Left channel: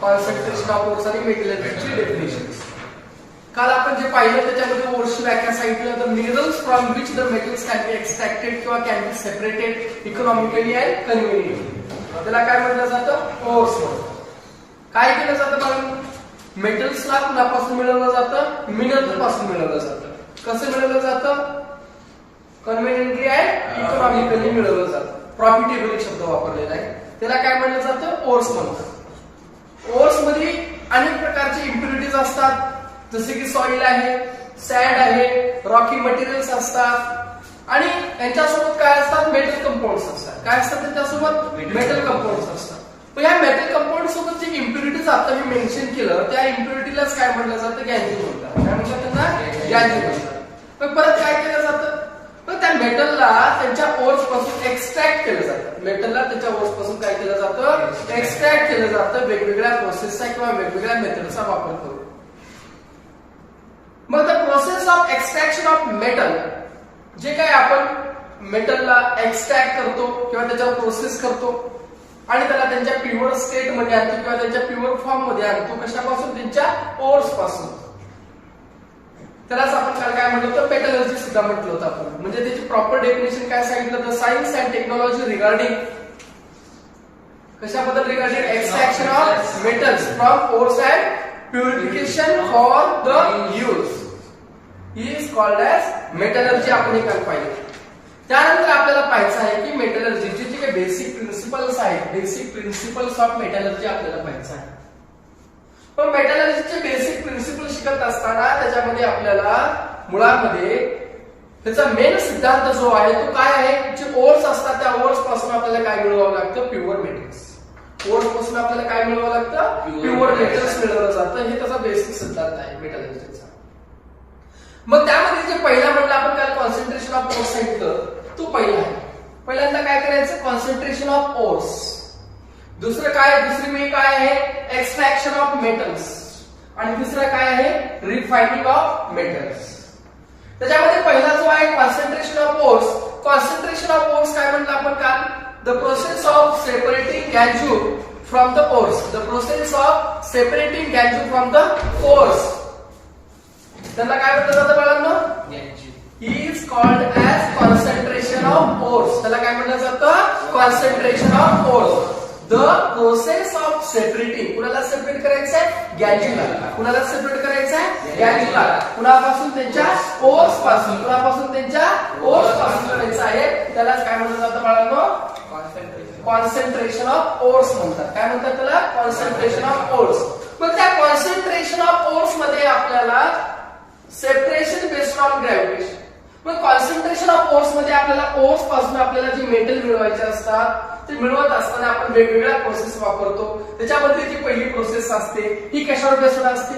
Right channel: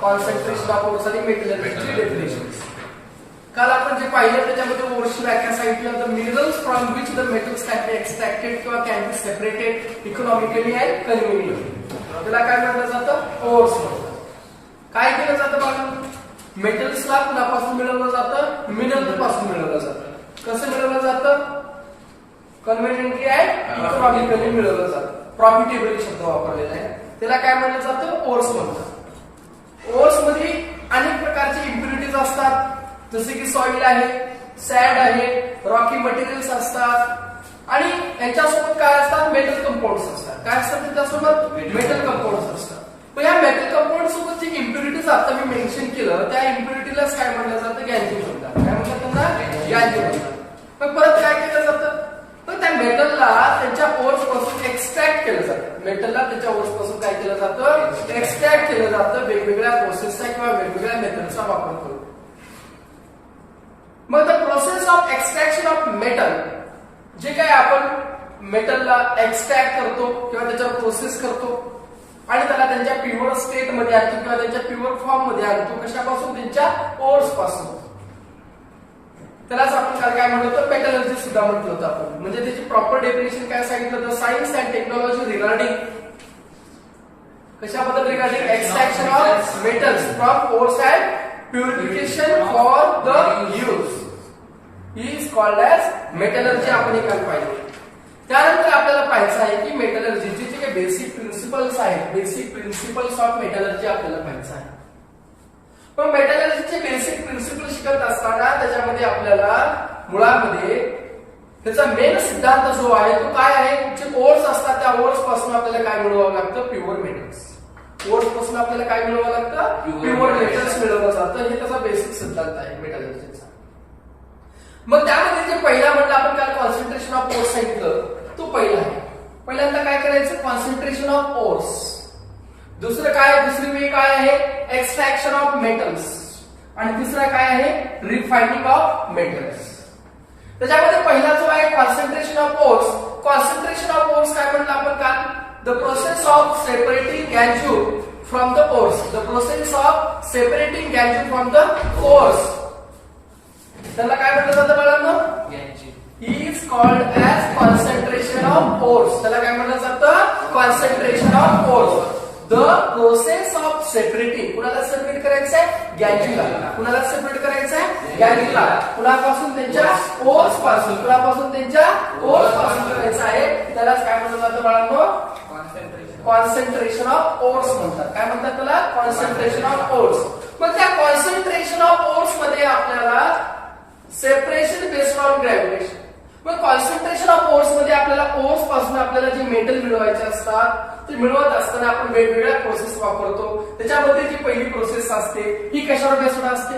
Concentration of ores आणि metal एनर्जीची definition. काल आपण जे पाहिलं त्याच्यामध्ये ओर्सची व्याख्या सांगितलं तर minerals from which the metals can be extracted किंवा can be separated economically and conveniently. त्याला काय म्हटलं जातं? ओर्स म्हणतात. काय केलं जातं मग? मेटल्सला कुणापासून मिळवलं जातं? मिनरल पासून मिळवलं जातं. कसं मिळवलं जातं? कन्व्हिनियंटली अँड इकॉनॉमिकली मिळवलं जातं. प्रॉफिटेबल शब्द वापरलेला आहे. त्याला काय म्हटलं जातं? ओर्स म्हणतात. ओर्स मध्ये अनेक प्रकारचे इम्प्युरिटीज असतात, जसे की सॉइल आहे, सॅड आहे, रॉकी मटेरियल्स असतात आणि यांच्यासोबत काय असतात? मेटल कंपाऊंड्स असतात. काय असतात त्याच्यासोबत? मेटल कंपाऊंड्स असतात. पण या मेटल कंपाऊंड सोबत जे इम्प्युरिटीज आता मी मेन्शन केलं त्या इम्प्युरिटीलाच काय म्हटलं जातं? गॅंजी म्हणतात. काय म्हणतात त्यांना? गॅंजी म्हणतात. पण परत काय केलं जातं? तर त्या मेटलला त्यांच्या ओर्स पासून एक्सट्रॅक्ट केलं जातं. मेटलला त्याच्या ओर्स पासून काय केलं जातं? एक्सट्रॅक्ट केलं जातं वेगवेगळ्या प्रोसेसचा किंवा वेगवेगळ्या मेथडचा वापर करून. मग the process of extraction of metal, जे काय आपण मेटलला एक्सट्रॅक्ट करतो किंवा त्याच्यावर प्रोसेस करतो आणि त्याला त्यांच्या प्युअर स्टेट मध्ये आणतो किंवा त्यांच्या प्युअर फॉर्म मध्ये आणतो, कशापासून? त्यांच्या ओर्स पासून. त्यालाच आपण काल काय म्हटलं होतं? मेटलर्जी सुद्धा म्हटलं होतं आपण. म्हणजे त्याची प्रॉपर डेफिनेशन काय सांगितलं? The science and technology regarding कशाबद्दल? Regarding extraction of metals from ores and purification for the use is called as metallurgy. आपण हे काल पाहिलं. त्यानंतर आपल्याला पाहायचं आहे की मेटलर्जीचे जे काही बेसिक प्रिन्सिपल्स आहेत, बेसिक प्रिन्सिपल्स ऑफ मेटलर्जी आपल्याला पाहायचं आहे. पण मेटलर्जीचे बेसिक प्रिन्सिपल शिकत असताना त्याच्यामध्ये आपल्याला मुळामध्ये त्याचा मेन सिद्धांत जो आहे तो काय आहे? जे ओर्स असतात त्या ओर्स पासून आपल्याला काय मिळवावं लागतं? Pure metals. ओर्स पासून आपल्याला काय मिळवावं लागतं? प्युअर मेटल्स मिळवलं जातं. हे त्याचा बेसिक सिद्धांत आहे मेटलर्जीचा. मग त्यामध्ये जे पहिला म्हटलं आपण काल कॉन्सन्ट्रेशन ऑफ ओर्स सांगितलं, तो पहिला आहे. पहिल्यांदा काय करायचं? Concentration of ores. दुसरं काय? दुसरी वे काय आहे? Extraction of metals. आणि दुसरं काय आहे? Refining of metals. त्याच्यामध्ये पहिला जो आहे concentration of ores. Concentration of ores काय म्हटलं आपण काल? The process of separating gangue from the ores. The process of separating gangue from the ores. त्याला काय म्हटलं जातं बाळांनो? Is called as concentration of ores. त्याला काय म्हटलं जातं? Concentration of ores. The process of separating. कुणाला सेपरेट करायचं आहे? गॅंजीला. कुणाला सेपरेट करायचं आहे? गॅंजीला. कुणापासून? त्यांच्या ओर्स पासून. कुणापासून? त्यांच्या ओर्स पासून करायचं आहे. त्यालाच काय म्हटलं जातं बाळांनो? कॉन्सन्ट्रेशन ऑफ ओर्स म्हणतात. काय म्हणतात त्याला? Concentration of ores. मग त्या कॉन्सन्ट्रेशन ऑफ ओर्स मध्ये आपल्याला सेपरेशन बेस्ड ऑन ग्रॅव्हिटेशन. मग कॉन्सन्ट्रेशन ऑफ ओर्स मध्ये आपल्याला ओर्स पासून आपल्याला जे मेटल मिळवायचे असतात ते मिळवत असताना आपण वेगवेगळ्या प्रोसेस वापरतो. त्याच्यामध्ये जी पहिली प्रोसेस असते ही कशावर बेस्ड असते?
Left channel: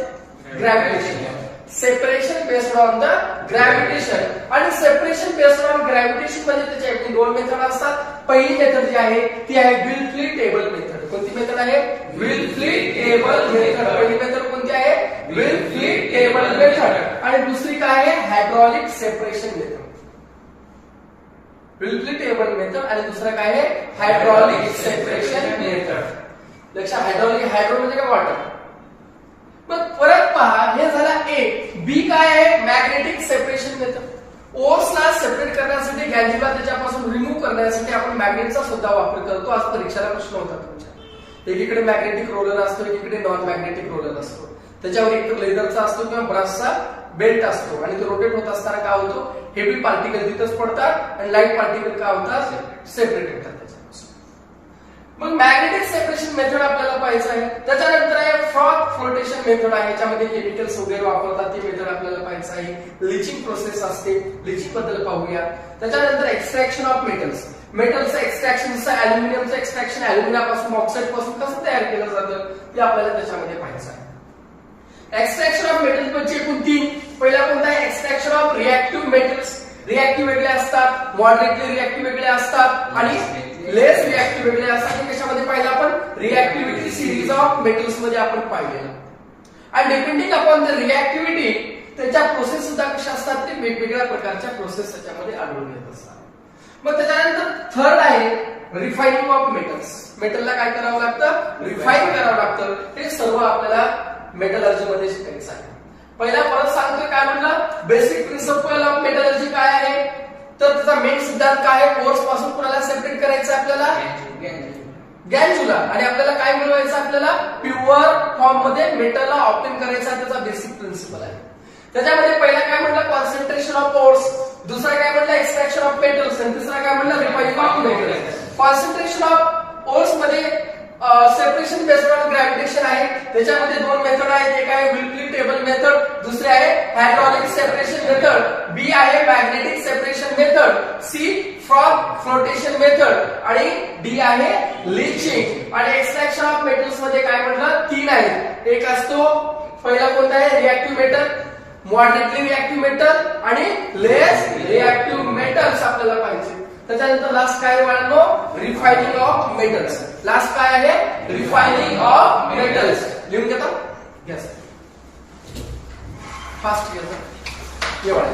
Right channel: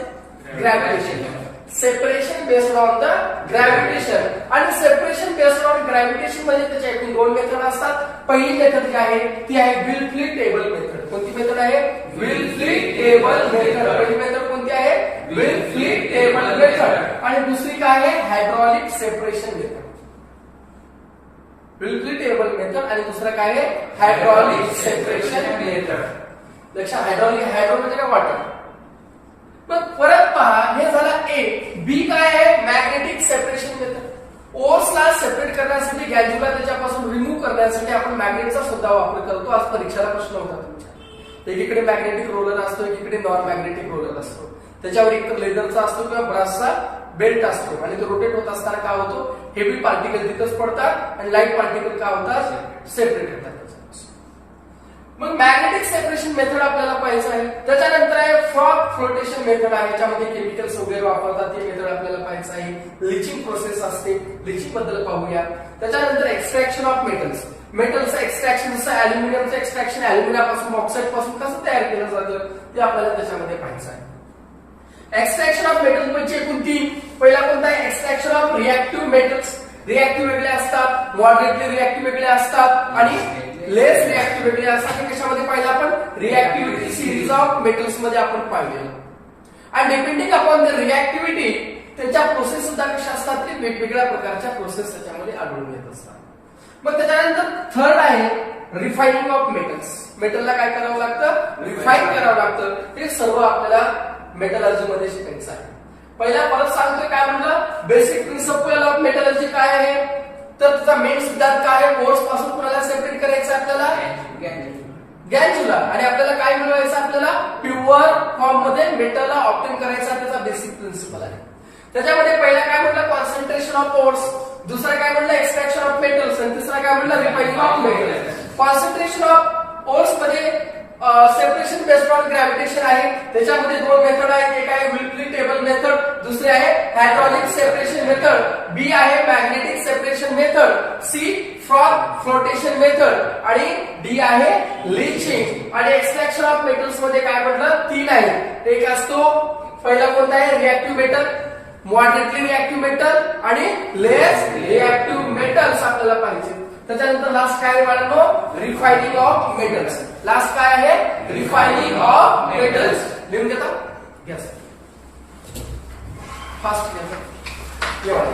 Gravitation. Separation based on the gravitation. आणि सेपरेशन बेस्ड ऑन ग्रॅव्हिटेशन म्हणजे त्याच्या एकूण दोन मेथड असतात. पहिली मेथड जी आहे ती आहे विल्फ्ली टेबल मेथड. कोणती मेथड आहे? Wilfley table method. पहिली मेथड कोणती आहे? Wilfley table method. आणि दुसरी काय आहे? Hydraulic separation method. Wilfley table method आणि दुसरं काय आहे? Hydraulic separation method. लक्षात? हायड्रो म्हणजे काय? वॉटर. मग परत पहा, हे झालं ए. बी काय आहे? Magnetic separation method. ओर्सला सेपरेट करण्यासाठी, गॅंजीला त्याच्यापासून रिमूव्ह करण्यासाठी आपण मॅग्नेटचा सुद्धा वापर करतो. आज परीक्षेला प्रश्न होता तुमच्या. एकीकडे मॅग्नेटिक रोलर असतो, एकीकडे नॉन मॅग्नेटिक रोलर असतो. त्याच्यावर एक लेदरचा असतो किंवा ब्रासचा बेल्ट असतो आणि तो रोटेट होत असताना काय होतो? हेवी पार्टिकल तिथंच पडतात आणि लाईट पार्टिकल काय होतात? सेपरेट होतात. मग मॅग्नेटिक सेपरेशन मेथड आपल्याला पाहायचं आहे. त्याच्यानंतर आहे फ्रॉग फ्लोटेशन मेथड आहे. याच्यामध्ये केमिकल्स वगैरे वापरतात ते मेथड आपल्याला पाहायचं आहे. लिचिंग प्रोसेस असते, लिचिंग बद्दल पाहूया. त्याच्यानंतर एक्सट्रॅक्शन ऑफ मेटल्स. मेटलचं एक्सट्रॅक्शन, जसं अॅल्युमिनियमचं एक्सट्रॅक्शन अॅल्युमिनियमपासून, ऑक्साईड पासून कसं तयार केलं जातं ते आपल्याला त्याच्यामध्ये पाहायचं आहे. एक्सट्रॅक्शन ऑफ मेटल म्हणजे एकूण तीन. पहिला कोणता आहे? Extraction of reactive metals. Reactive वेगळे असतात, मॉडरेटली रिएक्टिव्ह वेगळे असतात आणि लेस रिएक्टिव्ह वेगळे असतात. कशामध्ये पाहिलं आपण? रिएक्टिव्हिटी सिरीज ऑफ मेटल्स मध्ये आपण पाहिलेलं. आणि डिपेंडिंग अपॉन द रिएक्टिव्हिटी त्यांच्या प्रोसेस सुद्धा कशा असतात? ते वेगवेगळ्या प्रकारच्या प्रोसेस त्याच्यामध्ये आढळून येत असतात. मग त्याच्यानंतर थर्ड आहे रिफायनिंग ऑफ मेटल्स. मेटलला काय करावं लागतं? रिफाईन करावं लागतं. हे सर्व आपल्याला मेटलर्जी मध्ये शिकायचं आहे. पहिला परत सांगतोय काय म्हणलं, बेसिक प्रिन्सिपल ऑफ मेटलर्जी काय आहे, तर त्याचा मेन सिद्धांत काय आहे, कोर्स पासून कुणाला सेपरेट करायचं आपल्याला, गॅन्जुला, आणि आपल्याला काय मिळवायचं, आपल्याला प्युअर फॉर्म मध्ये मेटलला ऑब्टेन करायचा, त्याचा बेसिक प्रिन्सिपल आहे. त्याच्यामध्ये पहिला काय म्हणलं, कॉन्सन्ट्रेशन ऑफ ओर्स, दुसरा काय म्हणलं, एक्सट्रॅक्शन ऑफ मेटल्स, आणि तिसरा काय म्हणलं, refining of metals. Concentration of ores मध्ये सेपरेशन बेस्ड ऑन ग्रॅव्हिटेशन आहे. त्याच्यामध्ये दोन मेथड आहेत, एक आहे विल्ट्री टेबल मेथड, दुसरी आहे हायड्रॉलिक सेपरेशन मेथड, बी आहे magnetic separation method, C froth flotation method, आणि डी आहे लीचिंग. आणि एक्सट्रॅक्शन ऑफ मेटल्स मध्ये काय म्हटलं, तीन आहेत. एक असतो पहिला कोणता आहे, reactive metal, moderately reactive metal आणि लेस रिएक्टिव्ह मेटल्स आपल्याला पाहिजे. त्याच्यानंतर लास्ट काय वाढलो, रिफायनिंग ऑफ मेटल्स. लास्ट काय आहे, रिफायनिंग ऑफ मेटल्स. लिहून घेता, यस फास्ट घ्यायचं एवढं.